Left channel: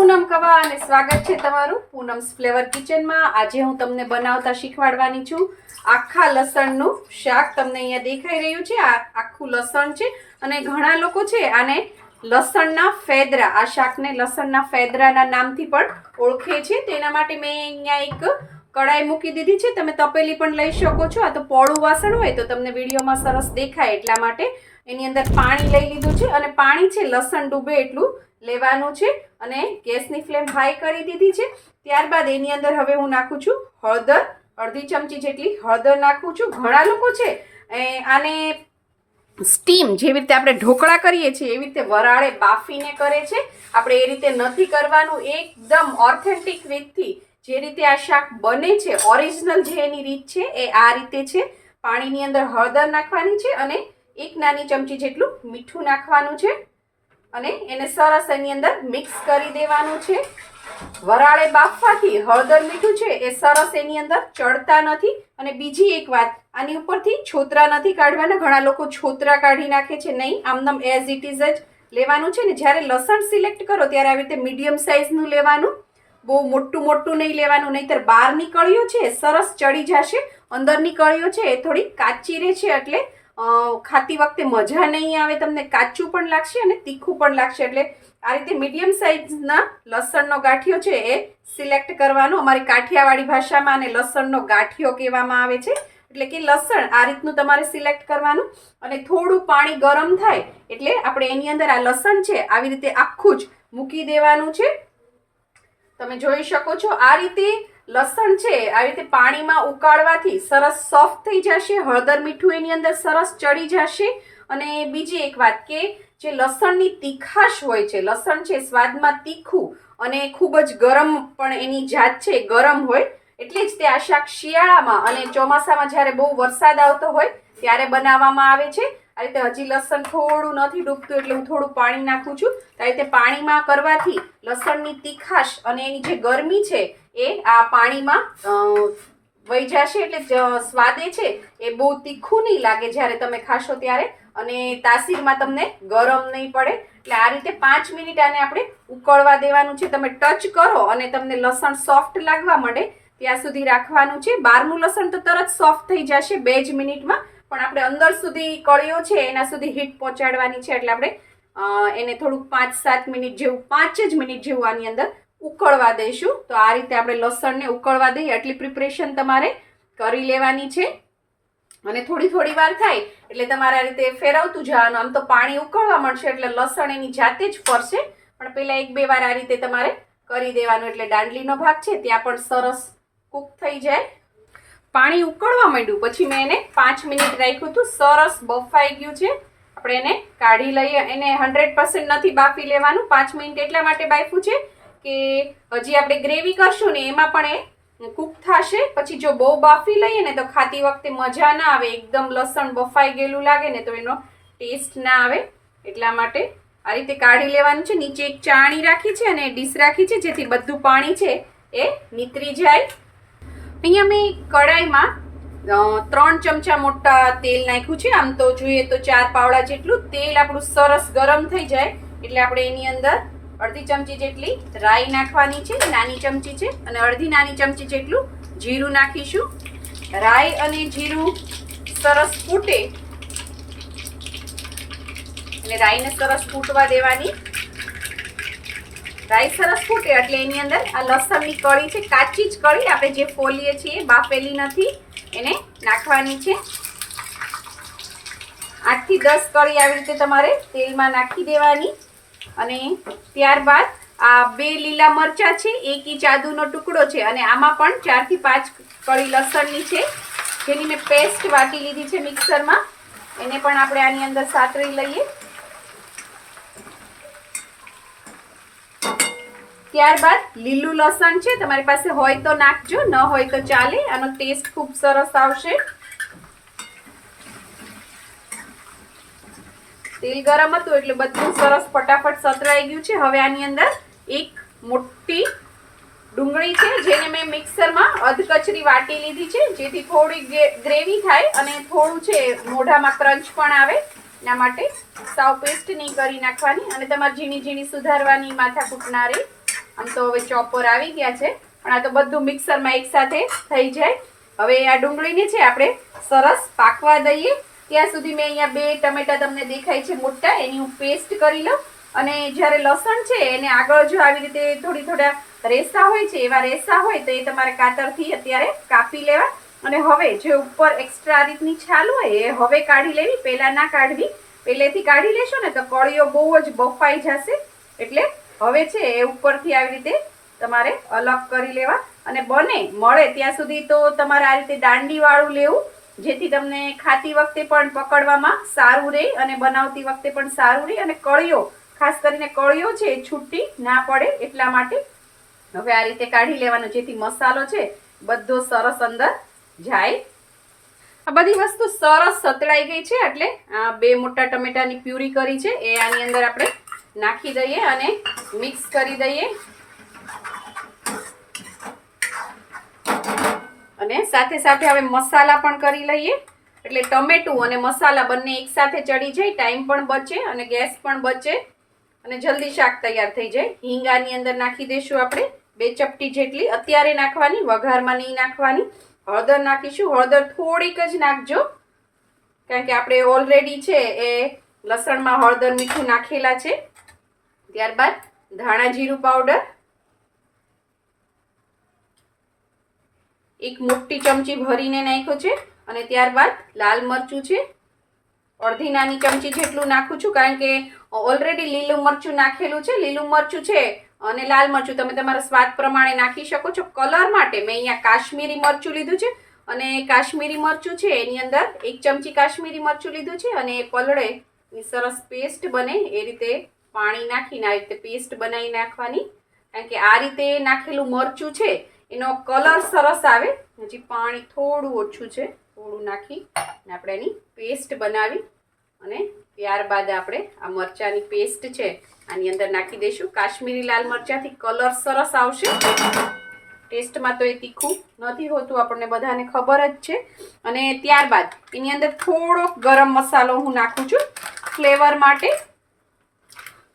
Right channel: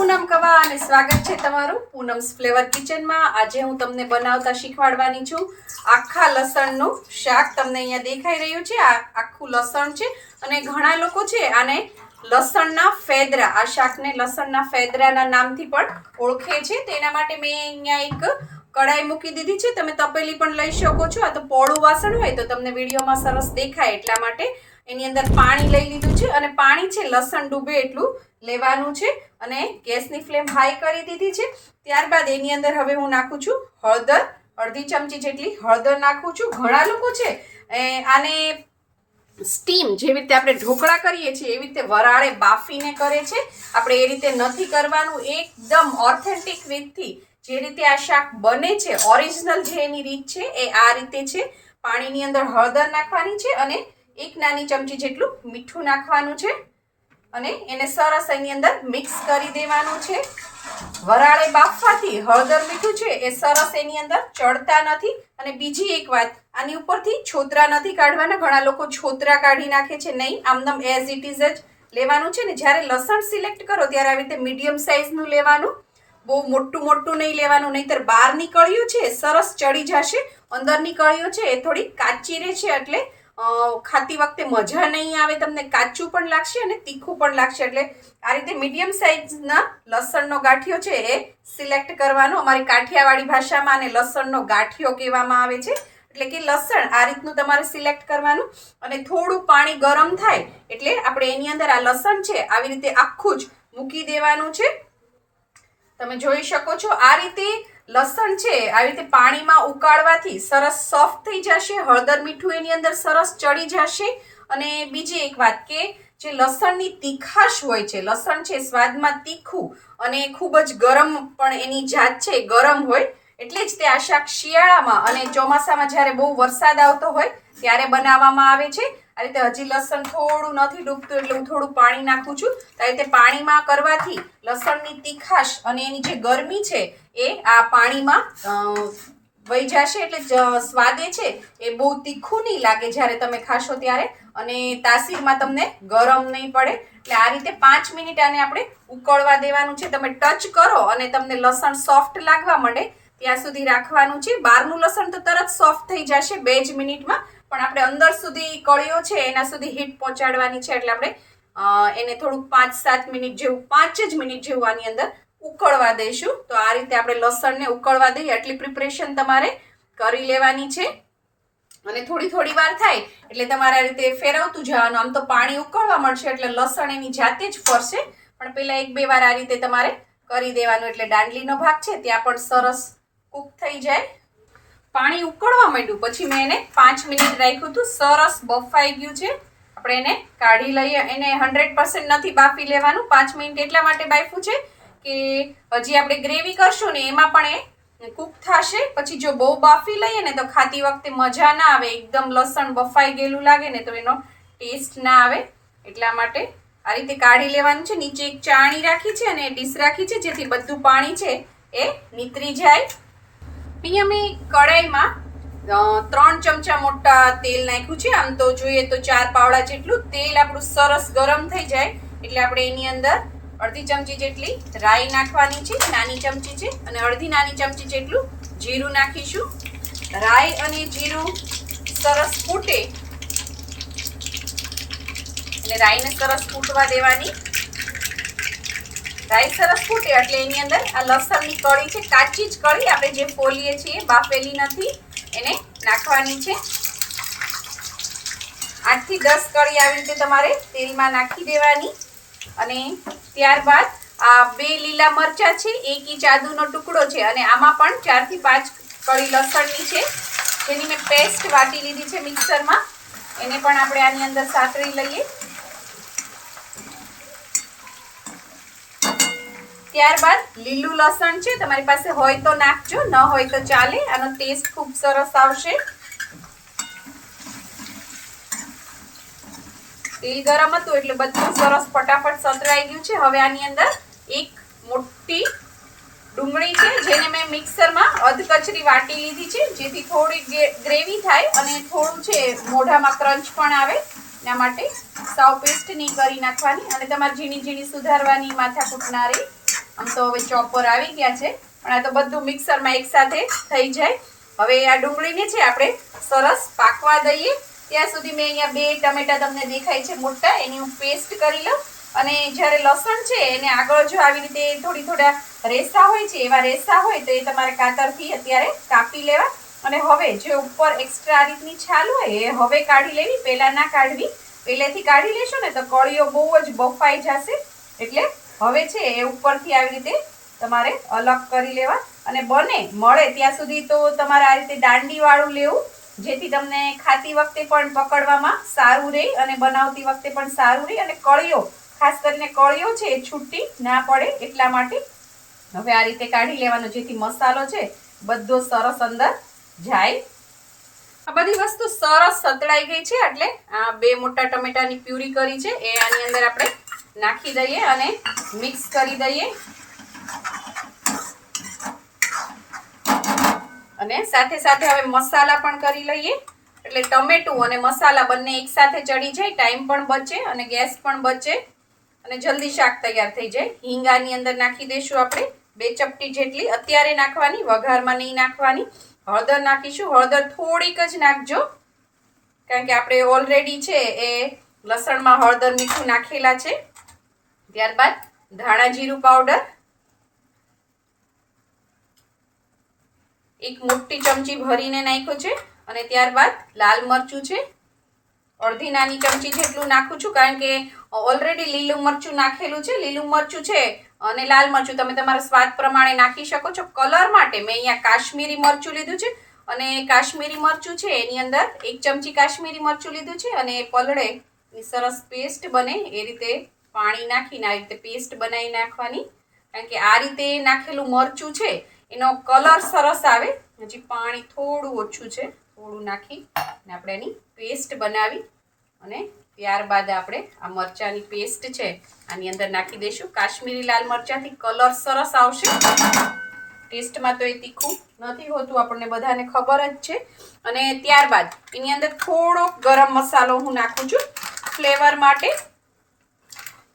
પૂનમ કવા અને સ્વાગત છે તમારું પૂનમ્સ ફ્લેવર કિચનમાં। આજે હું તમને બનાવતા શીખવાડવાની છું આખા લસણનું શાક। તમને અહીંયા દેખાઈ રહ્યું છે આ આખું લસણ છે અને ઘણા લોકો છે આને લસણના ફેદરા, આ શાકને લસણના ફેદરાના નામથી પણ ઓળખે છે। તેના માટે મેં અહીંયા એક કડાઈ મૂકી દીધી છે। તમે તપેલી પણ લઈ શકો છો। આ તો પોળું વાસણ હોય તો તમને વિડીયોમાં સરસ દેખાય એટલા માટે એની અંદર પાણી લઈ લીધું છે અને પાણી છે લસણ ડૂબે એટલું લેવાનું છે અને ગેસની ફ્લેમ હાઈ કરી દીધી છે। ત્યારબાદ એની અંદર હવે હું નાખું છું હળદર, અડધી ચમચી જેટલી હળદર નાખું છું। ઘણા લોકો છે આને સ્ટીમ, જેવી રીતે આપણે ઢોકળા કરીએ છીએ એવી રીતે વરાળે બાફીને કરે છે। આપણે એ રીતે નથી કરવાનું। એકદમ ઓથેન્ટિક રીતથી જે રીતે આ શાક બને છે, ઓરિજિનલ જે એની રીત છે એ આ રીતે છે। પાણીની અંદર હળદર નાખવાની છે અને એક નાની ચમચી જેટલું મીઠું નાખવાનું છે અને એને સરસ એની અંદર મિક્સ કરી દેવાનું છે। વરાળે બાફવાથી હળદર મીઠું છે એ સરસ એની અંદર ચડતા નથી। અને બીજી એક વાત, આની ઉપરથી છોતરા નથી કાઢવાના। ઘણા લોકો છોતરા કાઢી નાખે છે, નહીં, આમનામ એઝ ઇટ ઇઝ જ લેવાનું છે ને। જ્યારે લસણ સિલેક્ટ કરો ત્યારે આવી રીતે મીડિયમ સાઇઝનું લેવાનું, બહુ મોટું મોટું નહીં લેવાનું, નહીંતર બહારની કળીઓ છે સરસ ચડી જશે, અંદરની કળીઓ છે એ થોડી કાચી રહે છે એટલે ખાતી વખતે મજા નહીં આવે, તમને કાચું પણ લાગશે અને તીખું પણ લાગશે। એટલે આ રીતે મીડિયમ સાઇઝના લસણનો ગાંઠિયો છે એ સિલેક્ટ કરવાનો। અમારી કાઠિયાવાડી ભાષામાં આને લસણનો ગાંઠિયો કહેવામાં આવે છે। એટલે કે લસણ આ રીતનું તમારે સિલેક્ટ કરવાનું અને થોડું પાણી ગરમ થાય એટલે આપણે એની અંદર આ લસણ છે આવી રીતે આખું જ મૂકી દેવાનું છે। તમે જોઈ શકો છો આ રીતે લસણ છે આવી રીતે પાણીમાં ઉકાળવાથી સરસ સોફ્ટ થઈ જશે, હળદર મીઠું એની અંદર સરસ ચડી જશે। અને બીજી એક વાત કે જે લસણની તીખાશ હોય છે, લસણ છે સ્વાદમાં તીખું અને ખૂબ જ ગરમ પણ એની જાત છે, ગરમ હોય, એટલે જ તે આ શાક શિયાળામાં અને ચોમાસામાં જ્યારે બહુ વરસાદ આવતો હોય ત્યારે બનાવવામાં આવે છે। આ રીતે હજી લસણ થોડું નથી ડૂબતું એટલે હું થોડું પાણી નાખું છું। આ રીતે પાણીમાં કરવાથી લસણની તીખાશ અને એની જે ગરમી છે એ આ પાણીમાં વહી જશે એટલે સ્વાદે છે એ બહુ તીખું નહીં લાગે જ્યારે તમે ખાશો ત્યારે, અને તાસીરમાં તમને ગરમ નહીં પડે। એટલે આ રીતે 5 મિનિટ આને આપણે ઉકળવા દેવાનું છે। તમે ટચ કરો અને તમને લસણ સોફ્ટ લાગવા માંડે ત્યાં સુધી રાખવાનું છે। બહારનું લસણ તો તરત સોફ્ટ થઈ જશે 2 જ મિનિટમાં, પણ આપણે અંદર સુધી કળીઓ છે એના સુધી હીટ પહોંચાડવાની છે। એટલે આપણે એને થોડુંક 5-7 મિનિટ જેવું, 5 જ મિનિટ જેવું આની અંદર ઉકળવા દઈશું। તો આ રીતે આપણે લસણને ઉકળવા દઈએ એટલી પ્રિપરેશન તમારે કરી લેવાની છે। અને થોડી થોડી વાર થાય એટલે તમારે આ રીતે ફેરવતું જવાનું। આમ તો પાણી ઉકળવા મળશે એટલે લસણ એની જાતે જ ફરશે, પણ પહેલા 1-2 વાર આ રીતે તમારે કરી દેવાનું એટલે દાંડલીનો ભાગ છે ત્યાં પણ સરસ કૂક થઈ જાય। પાણી ઉકળવા માંડ્યું પછી મેં એને 5 મિનિટ રાખ્યું હતું, સરસ બફાઈ ગયું છે। આપણે એને કાઢી લઈએ। એને 100% નથી બાફી લેવાનું, 5 મિનિટ એટલા માટે બાફ્યું છે કે હજી આપણે ગ્રેવી કરશું ને એમાં પણ એ કૂક થશે। પછી જો બહુ બાફી લઈએ ને તો ખાતી વખતે મજા ના આવે, એકદમ લસણ બફાઈ ગયેલું લાગે ને તો એનો ટેસ્ટ ના આવે। એટલા માટે આ રીતે કાઢી લેવાનું છે। નીચે એક ચાણી રાખી છે અને ડીશ રાખી છે જેથી બધું પાણી છે એ નીતરી જાય। અહીંયા મેં કડાઈમાં 3 ચમચા મોટા તેલ નાખ્યું છે। આમ તો જોઈએ તો 4 પાવડા જેટલું તેલ આપણું સરસ ગરમ થઈ જાય એટલે આપણે એની અંદર અડધી ચમચી જેટલી રાઈ નાખવાની છે, નાની ચમચી છે, અને અડધી નાની ચમચી જેટલું જીરું નાખીશું। રાઈ અને જીરું સરસ ફૂટે એટલે રાઈને સરસ ફૂટવા દેવાની। રાઈ સરસ ફૂટે એટલે એની અંદર આ લસણની કળી છે, કાચી જ કળી, આપણે જે ફોલીએ છીએ બાફેલી નથી, એને નાખવાની છે। 8 થી 10 કળી આવી રીતે તમારે તેલમાં નાખી દેવાની। અને ત્યારબાદ આ 2 લીલા મરચા છે, 1 ઇંચ આદુનો ટુકડો છે અને આમાં પણ 4 થી 5 કળી લસણની છે જેની મેં પેસ્ટ વાટી લીધી છે મિક્સરમાં, એને પણ આપણે આની અંદર સાતળી લઈએ। ત્યારબાદ લીલું લસણ છે, તમારી પાસે હોય તો નાખજો, ન હોય તો ચાલે, આનો ટેસ્ટ ખૂબ સરસ આવશે। તેલ ગરમ હતું એટલે બધું સરસ ફટાફટ સતરાઈ ગયું છે। હવે આની અંદર એક મોટી ડુંગળી છે જેને મેં મિક્સરમાં અધકચરી વાટી લીધી છે જેથી થોડી ગ્રેવી થાય અને થોડું છે મોઢામાં ક્રંચ પણ આવે, એના માટે સાવ પેસ્ટ નહીં કરી નાખવાની અને તમારે ઝીણી ઝીણી સુધારવાની માથાકૂટ ના રહે। આમ તો હવે ચોપર આવી ગયા છે, પણ આ તો બધું મિક્સરમાં એકસાથે થઈ જાય. હવે આ ડુંગળીને છે આપણે સરસ પાકવા દઈએ. ત્યાં સુધી મેં અહીંયા 2 ટમેટા તમને દેખાય છે મોટા, એની હું પેસ્ટ કરી લઉં. અને જ્યારે લસણ છે એને આગળ જો આવી રીતે થોડા રેસા હોય છે, એવા રેસા હોય તો એ તમારે કાતરથી અત્યારે કાપી લેવા. અને હવે જે ઉપર એક્સ્ટ્રા આ રીતની છાલ હોય એ હવે કાઢી લેવી, પહેલાં ના કાઢવી. પહેલેથી કાઢી લેશો ને તો કળીઓ બહુ જ બફાઈ જશે. એટલે હવે છે એ ઉપરથી આવી રીતે તમારે અલગ કરી લેવા. અને બને મળે ત્યાં સુધી તો તમારે આ રીતે દાંડીવાળું લેવું, જેથી તમને ખાતી વખતે પણ પકડવામાં સારું રહે અને બનાવતી વખતે પણ સારું રહે. અને કળીઓ, ખાસ કરીને કળીઓ છે એ છૂટી ના પડે એટલા માટે હવે આ રીતે કાઢી લેવાનો, જેથી મસાલો છે બધો સરસ અંદર જાય. આ બધી વસ્તુ સરસ સતળાઈ ગઈ છે, એટલે આ 2 મોટા ટમેટાની પ્યુરી કરી છે એ આની અંદર આપણે નાખી દઈએ અને મિક્સ કરી દઈએ. અને સાથે સાથે હવે મસાલા પણ કરી લઈએ, એટલે ટમેટું અને મસાલા બંને એકસાથે ચડી જાય, ટાઈમ પણ બચે અને ગેસ પણ બચે અને જલ્દી શાક તૈયાર થઈ જાય. હિંગ આની અંદર નાખી દઈશું આપણે 2 ચપટી જેટલી, અત્યારે નાખવાની, વઘારમાં નહીં નાખવાની. હળદર નાખીશું, હળદર થોડીક જ નાખજો, કારણ કે આપણે ઓલરેડી છે એ લસણમાં હળદર મીઠું નાખેલા છે. ત્યારબાદ ધાણા જીરું પાવડર 1 મોટી ચમચી ભરીને નાખ્યો છે. અને ત્યારબાદ લાલ મરચું છે, અડધી નાની ચમચી જેટલું નાખું છું, કારણ કે ઓલરેડી લીલું મરચું નાખેલું છે. લીલું મરચું છે અને લાલ મરચું તમે તમારા સ્વાદ પ્રમાણે નાખી શકો છો. કલર માટે મેં અહીંયા કાશ્મીરી મરચું લીધું છે, અને કાશ્મીરી મરચું છે એની અંદર 1 ચમચી કાશ્મીરી મરચું લીધું છે. અને પલળે સરસ પેસ્ટ બને એ રીતે પાણી નાખીને આ રીતે પેસ્ટ બનાવી નાખવાની, કારણ કે આ રીતે નાખેલું મરચું છે એનો કલર સરસ આવે. હજી પાણી થોડું ઓછું છે, થોડું નાખી અને આપણે એની પેસ્ટ બનાવી અને ત્યારબાદ આપણે આ મરચાંની પેસ્ટ છે આની અંદર નાખી દઈશું. કાશ્મીરી લાલ મરચાંથી કલર સરસ આવશે. ટેસ્ટમાં તો એ તીખું નથી હોતું, આપણને બધાને ખબર જ છે. અને ત્યારબાદ એની અંદર થોડો ગરમ મસાલો હું નાખું છું ફ્લેવર માટે.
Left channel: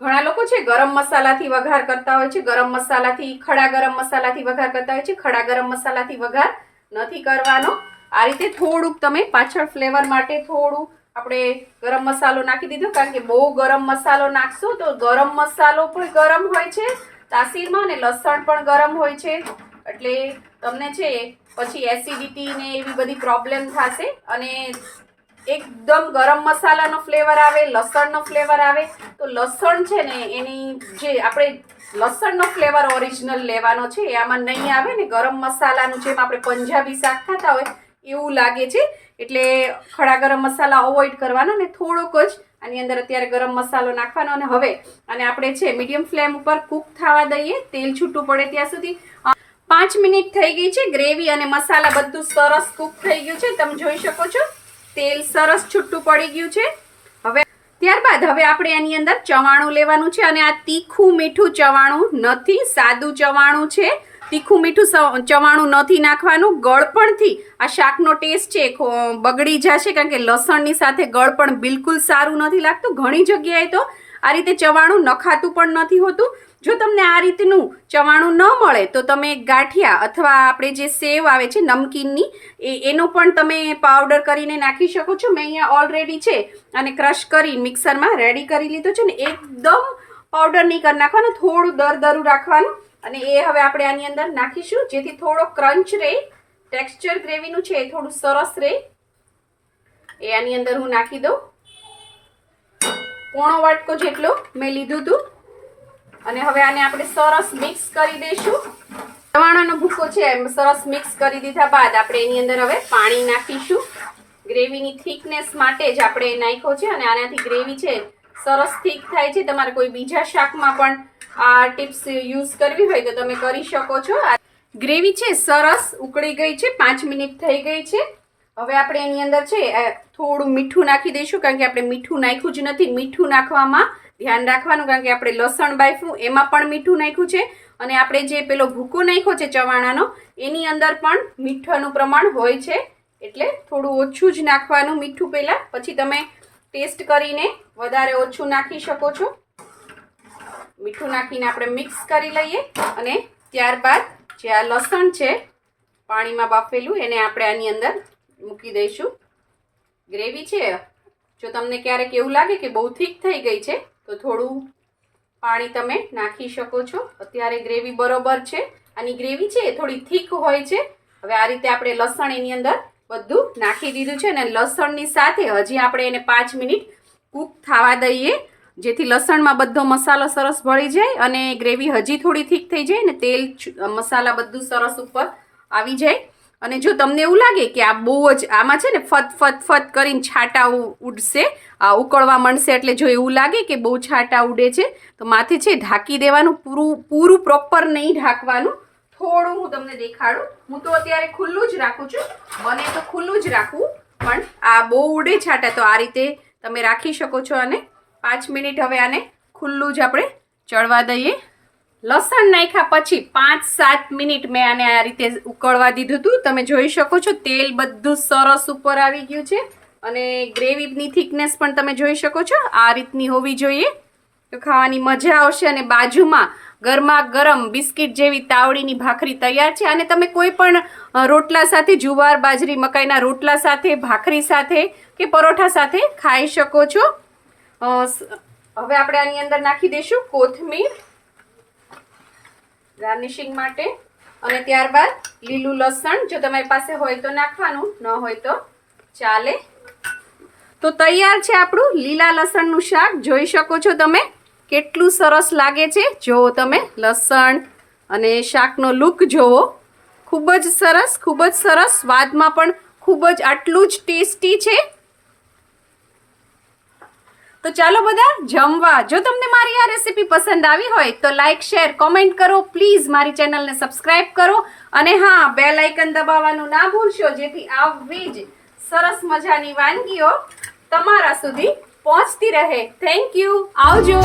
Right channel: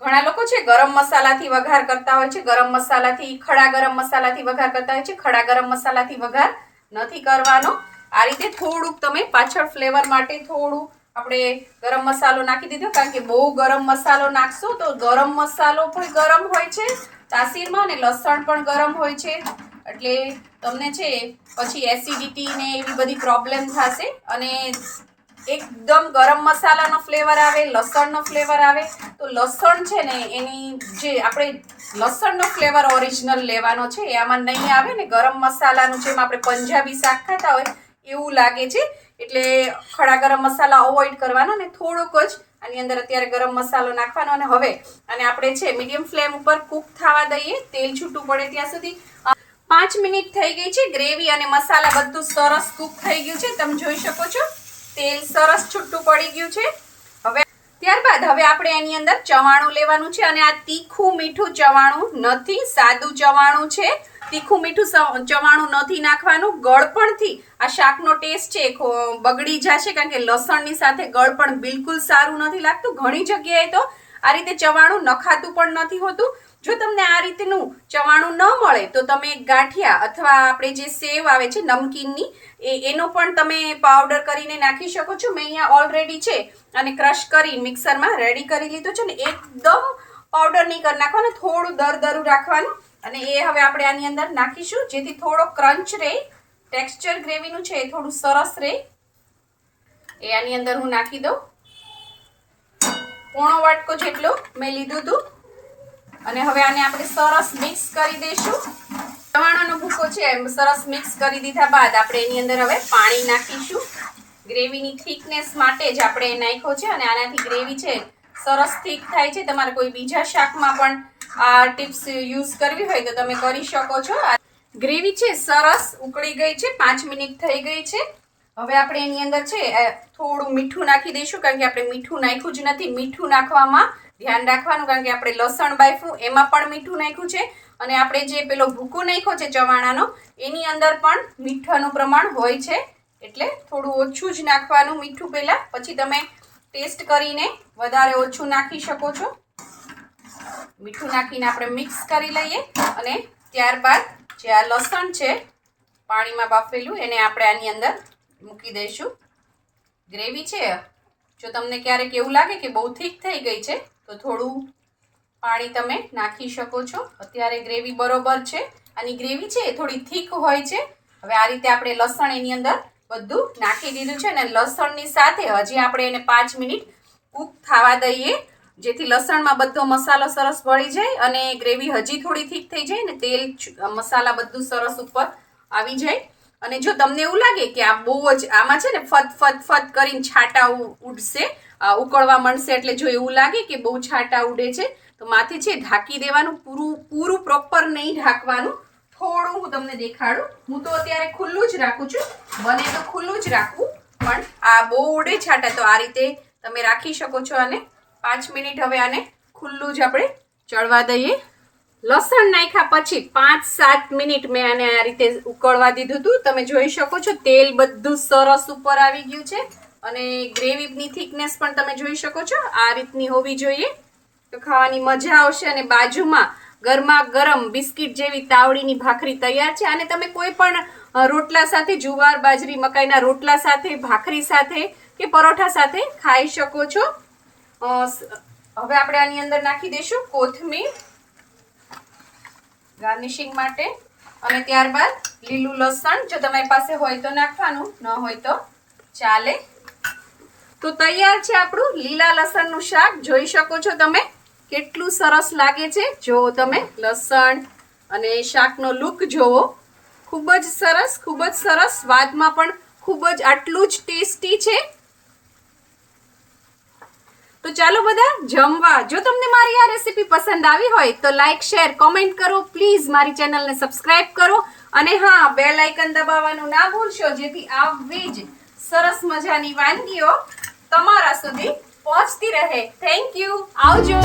ઘણા લોકો છે ગરમ મસાલાથી વઘાર કરતા હોય છે, ગરમ મસાલાથી, ખડા ગરમ મસાલાથી વઘાર કરતા હોય છે. ખડા ગરમ મસાલાથી વઘાર નથી કરવાનો. આ રીતે થોડુંક તમે પાછળ ફ્લેવર માટે થોડું આપણે ગરમ મસાલો નાખી દીધો, કારણ કે બહુ ગરમ મસાલો નાખશો તો ગરમ મસાલો પણ ગરમ હોય છે તાસીરમાં, અને લસણ પણ ગરમ હોય છે, એટલે તમને છે પછી એસિડિટી ને એવી બધી પ્રોબ્લેમ થશે. અને એકદમ ગરમ મસાલાનો ફ્લેવર આવે, લસણનો ફ્લેવર આવે, તો લસણ છે ને એની જે આપણે લસણનો ફ્લેવર ઓરિજિનલ લેવાનો છે એ આમાં નહીં આવે ને. ગરમ મસાલાનું જેમ આપણે પંજાબી શાક ખાતા હોય એવું લાગે છે, એટલે ખડા ગરમ મસાલા અવોઇડ કરવાના ને થોડુંક જ આની અંદર અત્યારે ગરમ મસાલો નાખવાનો. અને હવે અને આપણે છે મીડિયમ ફ્લેમ ઉપર કૂક થવા દઈએ, તેલ છૂટું પડે ત્યાં સુધી. 5 મિનિટ થઈ ગઈ છે. ગ્રેવી અને મસાલા બધું સરસ કૂક થઈ ગયું છે, તમે જોઈ શકો છો. તેલ સરસ છૂટું પડી ગયું છે. હવે ત્યારબાદ હવે આપણે એની અંદર ચવાણું લેવાનું છે, અને આ તીખું મીઠું ચવાણું નથી, સાદું ચવાણું છે. તીખું મીઠું ચવાણું નથી નાખવાનું. ગળપણથી આ શાકનો ટેસ્ટ છે બગડી જશે, કારણ કે લસણની સાથે ગળપણ બિલકુલ સારું નથી લાગતું. ઘણી જગ્યાએ તો આ રીતે ચવાણું નખાતું પણ નથી હોતું. જો તમને આ રીતનું ચવાણું ન મળે તો તમે ગાંઠિયા અથવા આપણે જે સેવ આવે છે નમકીનની એનો પણ તમે પાવડર કરીને નાખી શકો છો. મેં અહીંયા ઓલરેડી છે અને ક્રશ કરી મિક્સરમાં રેડી કરી લીધો છે ને. એકદમ પાવડર નહીં કરી નાખવાનો, થોડું દરદરું રાખવાનું. અને એ હવે આપણે આની અંદર નાખીશું, જેથી થોડો ક્રંચ રહે, ટેક્સચર ગ્રેવીનું છે એ થોડું સરસ રહે. એ આની અંદર હું નાખી દઉં. પોણો વાટકો જેટલો મેં લીધું હતું. અને હવે આને આપણે સરસ મિક્સ કરી દઈશું. ચવાણાનો ભૂકો છે એમ સરસ મિક્સ કરી દીધા બાદ આપણે એની અંદર હવે પાણી નાખીશું. ગ્રેવીની થિકનેસ માટે જ આપણે નાખ્યો છે, અને આનાથી ગ્રેવી છે સરસ થીક થાય છે. તમારે કોઈ બીજા શાકમાં પણ આ ટિપ્સ યુઝ કરવી હોય તો તમે કરી શકો છો. ગ્રેવી છે સરસ ઉકળી ગઈ છે, 5 મિનિટ થઈ ગઈ છે. હવે આપણે એની અંદર છે થોડું મીઠું નાખી દઈશું, કારણ કે આપણે મીઠું નાખ્યું જ નથી. મીઠું નાખવામાં ધ્યાન રાખવાનું, કારણ કે આપણે લસણ બાફ્યું એમાં પણ મીઠું નાખ્યું છે, અને આપણે જે પેલો ભૂકો નાખ્યો છે ચવાણાનો એની અંદર પણ મીઠાનું પ્રમાણ હોય છે, એટલે થોડું ઓછું જ નાખવાનું મીઠું પહેલાં. પછી તમે ટેસ્ટ કરીને વધારે ઓછું નાખી શકો છો. મીઠું નાખીને આપણે મિક્સ કરી લઈએ અને ત્યારબાદ જે આ લસણ છે પાણીમાં બાફેલું એને આપણે આની અંદર મૂકી દઈશું. ગ્રેવી છે, જો તમને ક્યારેક એવું લાગે કે બહુ થીક થઈ ગઈ છે તો થોડું પાણી તમે નાખી શકો છો. અત્યારે ગ્રેવી બરોબર છે. આની ગ્રેવી છે એ થોડી થીક હોય છે. હવે આ રીતે આપણે લસણ એની અંદર બધું નાખી દીધું છે અને લસણની સાથે હજી આપણે એને 5 મિનિટ કૂક થવા દઈએ, જેથી લસણમાં બધો મસાલો સરસ ભળી જાય અને ગ્રેવી હજી થોડી થીક થઈ જાય ને તેલ મસાલા બધું સરસ ઉપર આવી જાય. અને જો તમને એવું લાગે કે આ બહુ જ આમાં છે ને ફત કરીને છાંટા ઉડશે, આ ઉકળવા માંડશે, એટલે જો એવું લાગે કે બહુ છાંટા ઉડે છે તો માથે છે ઢાંકી દેવાનું. પૂરું પ્રોપર નહીં ઢાંકવાનું, થોડું હું તમને દેખાડું. હું તો અત્યારે ખુલ્લું જ રાખું છું, બને તો ખુલ્લું જ રાખવું, પણ આ બહુ ઉડે છાંટા તો આ રીતે તમે રાખી શકો છો. અને 5 મિનિટ હવે આને ખુલ્લું જ આપણે ચડવા દઈએ. લસણ નાખ્યા પછી 5-7 મિનિટ મેં આને આ રીતે ઉકળવા દીધું હતું. તમે જોઈ શકો છો તેલ બધું સરસ ઉપર આવી ગયું છે અને ગ્રેવીની થિકનેસ પણ તમે જોઈ શકો છો. આ રીતની હોવી જોઈએ તો ખાવાની મજા આવશે. અને બાજુમાં ગરમા ગરમ બિસ્કિટ જેવી તાવડીની ભાખરી તૈયાર છે. અને તમે કોઈ પણ રોટલા સાથે, જુવાર બાજરી મકાઈના રોટલા સાથે, ભાખરી સાથે કે પરોઠા સાથે ખાઈ શકો છો. હવે આપણે આની અંદર નાખી દઈશું કોથમીર ગાર્નિશિંગ માટે અને ત્યારબાદ લીલું લસણ. જો તમારી પાસે હોય તો નાખવાનું, ન હોય તો ચાલે. તો તૈયાર છે આપણું લીલા લસણનું શાક. જોઈ શકો છો તમે કેટલું સરસ લાગે છે. જુઓ તમે લસણ અને શાકનો લુક જુઓ, ખૂબ જ સરસ, ખૂબ જ સરસ. સ્વાદમાં પણ ખૂબ જ આટલું જ ટેસ્ટી છે. તો ચાલો બધા જમવા. જો તમને મારી આ રેસીપી પસંદ આવી હોય તો લાઈક, શેર, કોમેન્ટ કરો. પ્લીઝ મારી ચેનલને સબસ્ક્રાઇબ કરો અને હા, બેલ આઇકન દબાવવાનું ના ભૂલશો, જેથી આવી જ સરસ મજાની વાનગીઓ તમારા સુધી પહોંચતી રહે. Thank you. આવજો.